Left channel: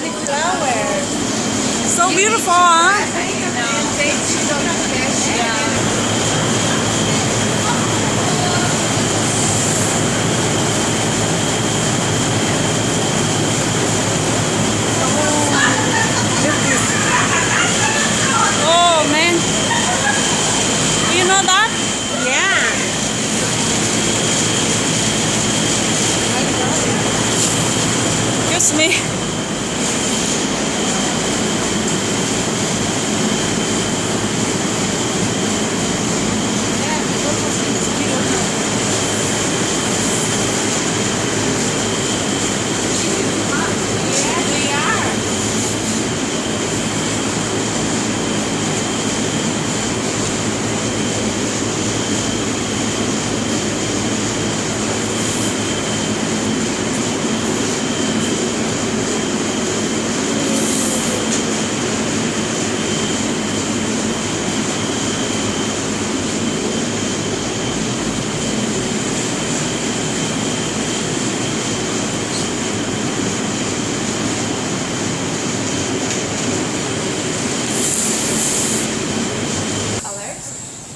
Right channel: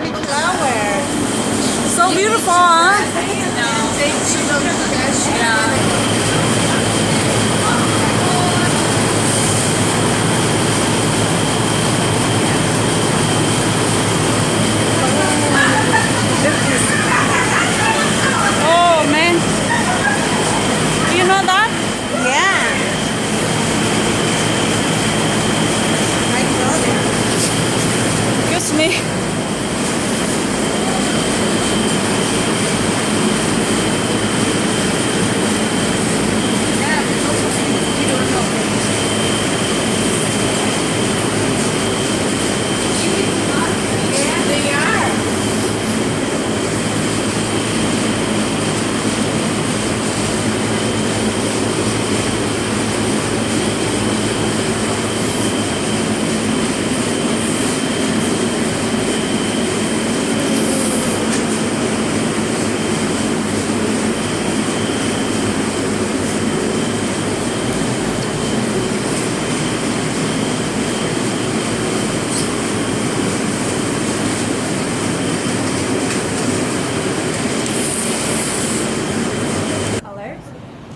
cauliflower. So beautiful, huh? Oh man, do you know that? Yeah. Excuse me.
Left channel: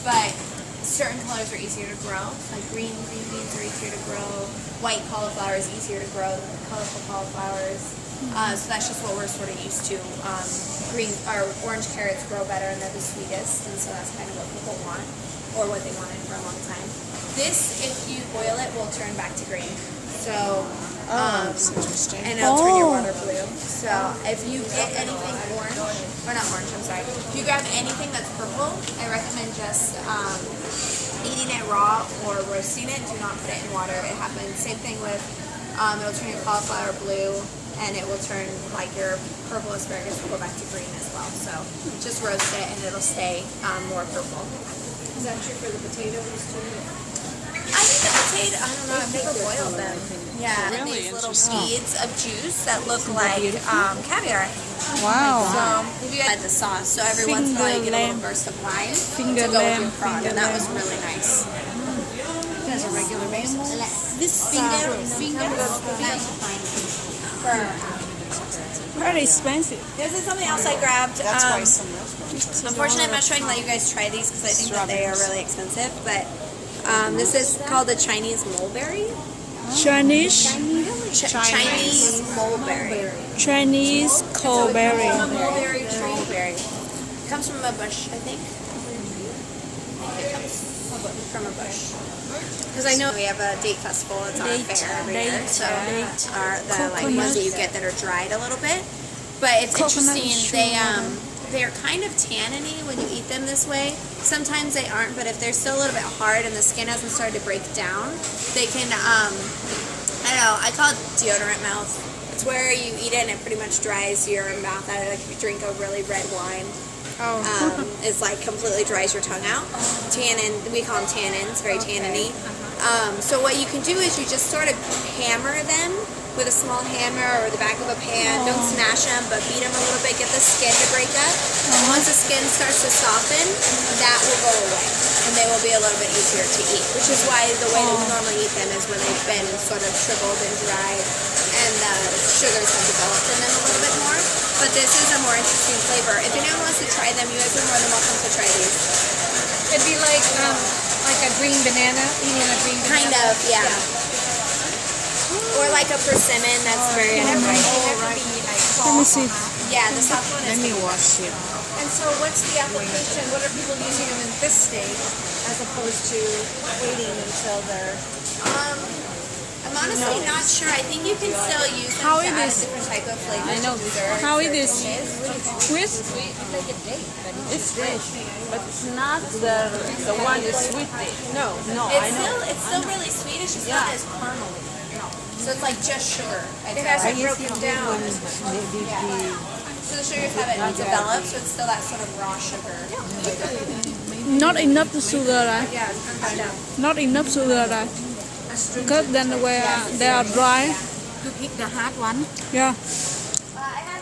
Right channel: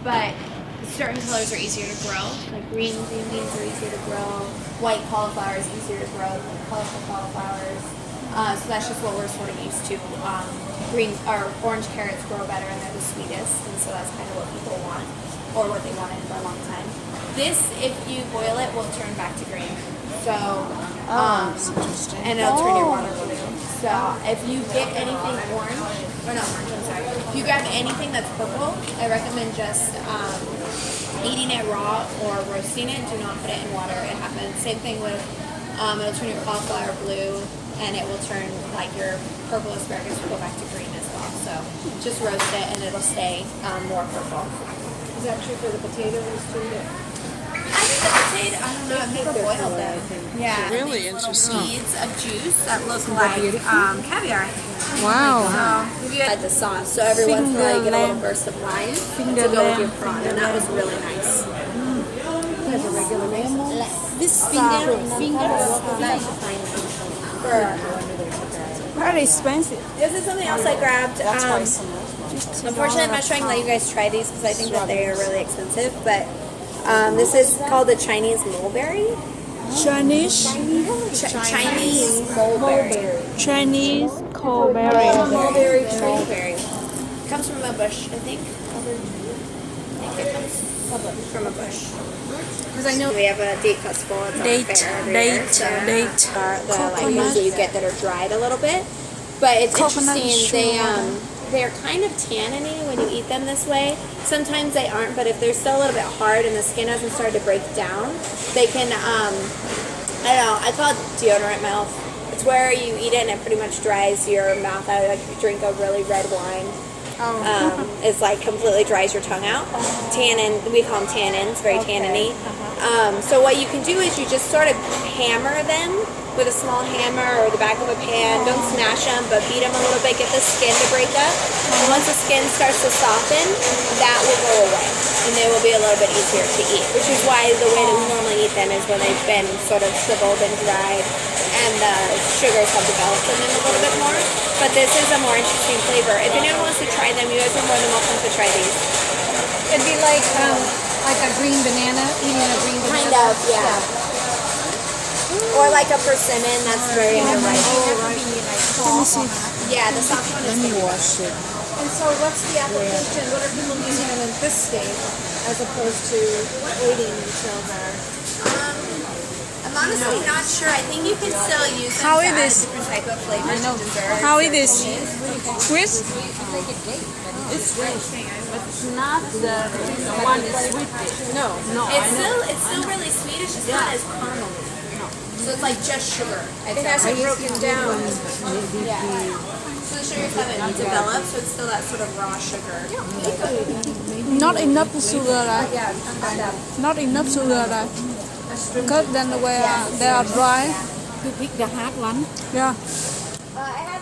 But certain colors are easier to grow. Like green beans are easier to grow. White cauliflower is easier to grow than colorful cauliflowers. So that's just what we're sort of used to. Green or orange carrots grow better and they're the sweetest, and so that's kind of what people want, or what they wanted for a long time. This, if you boil it, will turn back to green. So, That's interesting. and it'll turn your water blue. So if you get anything orange, or not orange, I'm sorry. If you grab anything that's purple, I recommend just eating it raw or roasting it. Do not put it in water. It happens. Same thing with, it'll turn your cauliflower blue, and it will turn like your purple asparagus will go back to green as well. So just roast it and it'll stay more purple. Is that true for the potatoes too? I think the potato, I don't know, I've never boiled them. Yeah. Really these little interesting. beads of juice that look like caviar. Wow. So if you had the sauce, so every once in a while you get a little burst of lime to go with your prawn, and that was really nice. As a regular basis. This Very expensive. This is something else I grabbed. Unfortunately, I'm not trying to let you guys try these because I think that they are really expensive, but this is called the Chinese mulberry. Chinese Chinese mulberry. Chinese coalberry. Mulberry tree berry. Comes from a bush, I think. From a bush. Because I know we have a date festival. It's on a fair every year. So the like ones that you get that are dried a little bit. But it's interesting. They're kind of tanniny when you eat them this way. Sometimes they aren't, but if they're still a little bit hard and the skin hasn't started to break down, they can, I don't know, I call it deodorant mouth. It's where you eat it and it pretty much dries your mouth out. Like if you drink a really red wine, it's like completely dries your tongue out. Tannin, we call them tannins, very tanniny. So what you can do is you just sort of hammer them with a small hammer or the back of a pan. Don't smash them, but beat them a little bit. Get the skin to break up. And once the skin starts to soften, that will go away. And they will be a little bit easier to eat, which is why the way that we normally eat them is when they've been sort of shriveled and dried and the sugars have developed in them a little bit more. But this is a more interesting flavor. If anyone wants to try them, you guys are more than welcome to try these. It'd be like a green banana, eating a green banana. Kind of, yeah. Or like a persimmon, that's very underrated. Let me see. Yeah, the soft one is You wash it. And so what's the application? What are people using them in this state as opposed to waiting until they're... I'm honestly not sure. I think you can still use them How to it add is? different type of flavors. How it is? Sweet? It's like a date, but It's fresh. It's not the one sweet. No. It's still really sweet. It's just not as caramel. So it's like just sugar. it hasn't broken down. Yeah. So the sugars haven't developed, so it's still that sort of raw sugar. Not enough sugar, right? Yeah, turn that up. Not enough sugar, right? Because then they are dry. You pick the hard one. Yeah.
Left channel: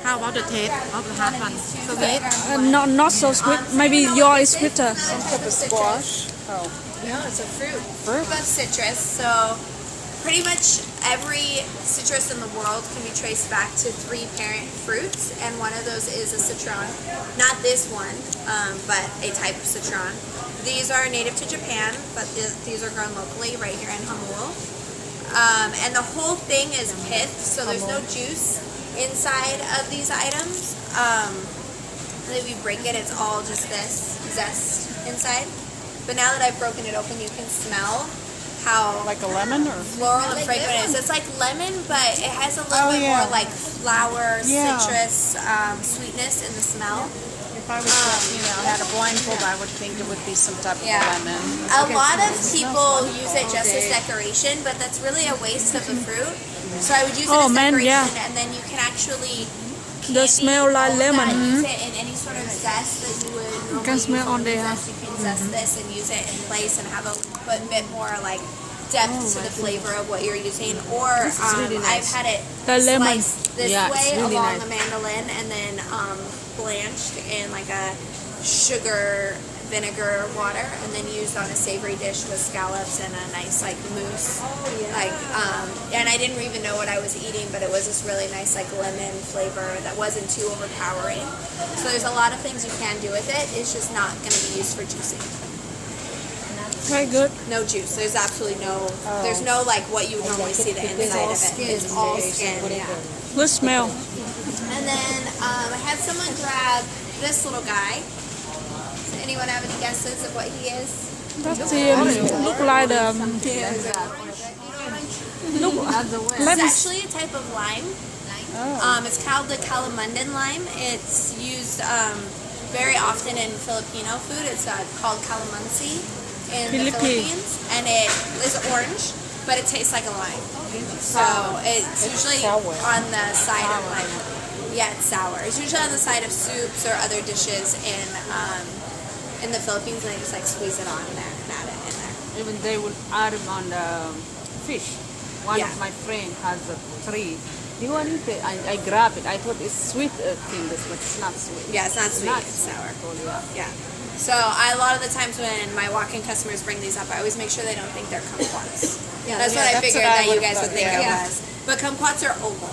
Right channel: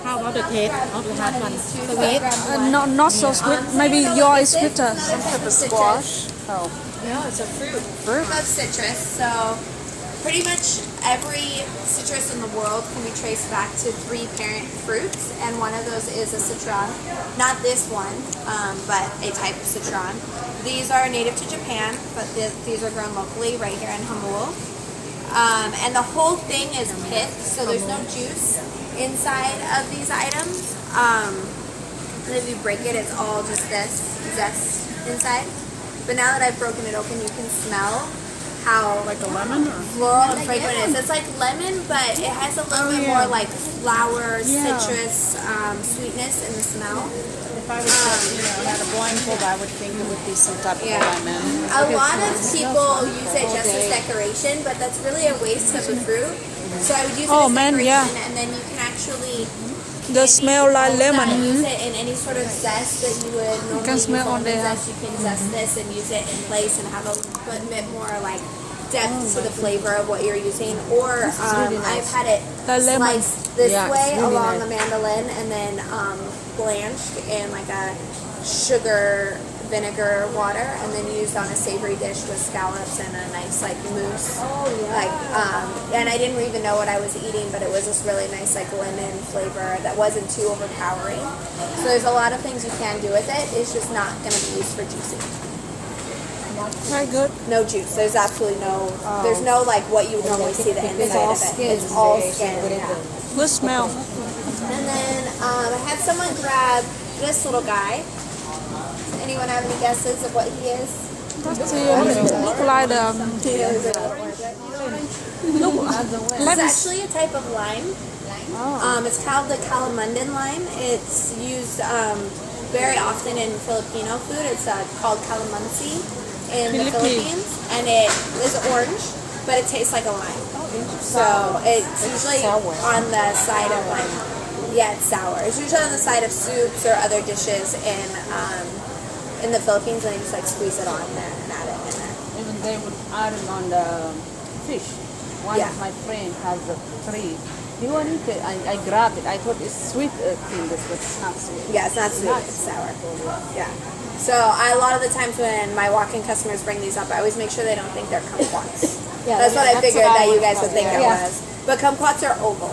How about the taste of the hard one? Sweet? Not so sweet. Maybe yours is sweeter. Some type of squash. No, it's a fruit. Of citrus, so Pretty much every citrus in the world can be traced back to 3 parent fruits, and one of those is a citron. Not this one, but a type of citron. These are native to Japan, but these are grown locally right here in Hamul. And the whole thing is pith, so there's no juice inside of these items. If you break it, it's all just this zest inside. But now that I've broken it open, you can smell how Like a lemon or? floral and fragrant it is. It's like lemon, but it has a little bit more like flower, citrus, sweetness in the smell. If I was had a blindfold, I would think it would be some type of lemon. A lot of people use it just as decoration, but that's really a waste of the fruit. So I would use it as decoration, and then you can actually The smell like lemon. use it in any sort of zest that you would normally use almond zest. You can zest this and use it in place and have a bit more like depth to the flavor of what you're using. Or I've had it sliced this way along the mandolin and then blanched in like a sugar vinegar water and then used on a savory dish with scallops and a nice like mousse. And I didn't even know what I was eating, but it was this really nice like lemon flavor that wasn't too overpowering. So there's a lot of things you can do with it. It's just not going to be used for juicing. Very good. No juice. There's absolutely no. There's no like what you would normally see the inside of it. It's all skin. Yeah. Good smell. And then I had someone grab this little guy. Does anyone have any guesses of what he is? That's look like It's actually a type of lime. It's called the calamundan lime. It's used very often in Filipino food. It's called calamansi in the Philippines, and it is orange, but it tastes like a lime. So it's usually on the side of like, it's sour. It's usually on the side of soups or other dishes in the Philippines, and they just like squeeze it on there and add it in there. Even they would add it on the fish. One of my friends has a tree. You want to eat it? I grab it. I thought it's sweet thing, but it's not sweet. Yeah, it's not sweet. It's sour. Yeah. So a lot of the times when my walk-in customers bring these up, I always make sure they don't think they're kumquats. That's what I figured that you guys would think it was. But kumquats are oval.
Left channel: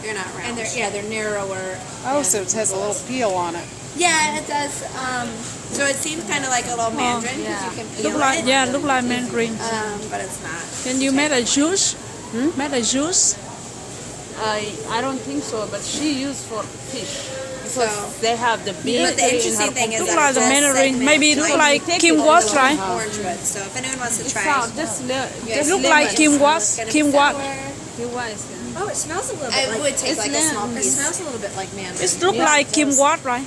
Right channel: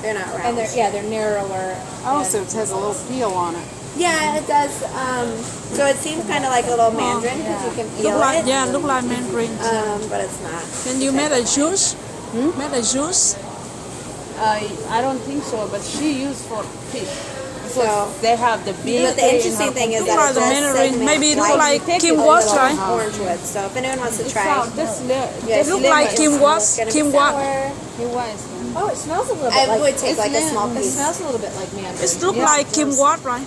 They're not round. And they're narrower. Oh, so it has a little peel on it. Yeah, it does. So it seems kind of like a little mandarin because you can feel it. look like mandarin. But it's not. Can you make a juice? Make a juice? I don't think so, but she used for fish. So They have the big. but the interesting thing is Look that like the mandarin. Maybe it look like kumquats, right? orange wood. So if anyone wants to try, It look like kumquats. Kumquat. Oh, it smells a little bit I like. would take like a small It piece. smells a little bit like mandarin. It look like kumquat, right?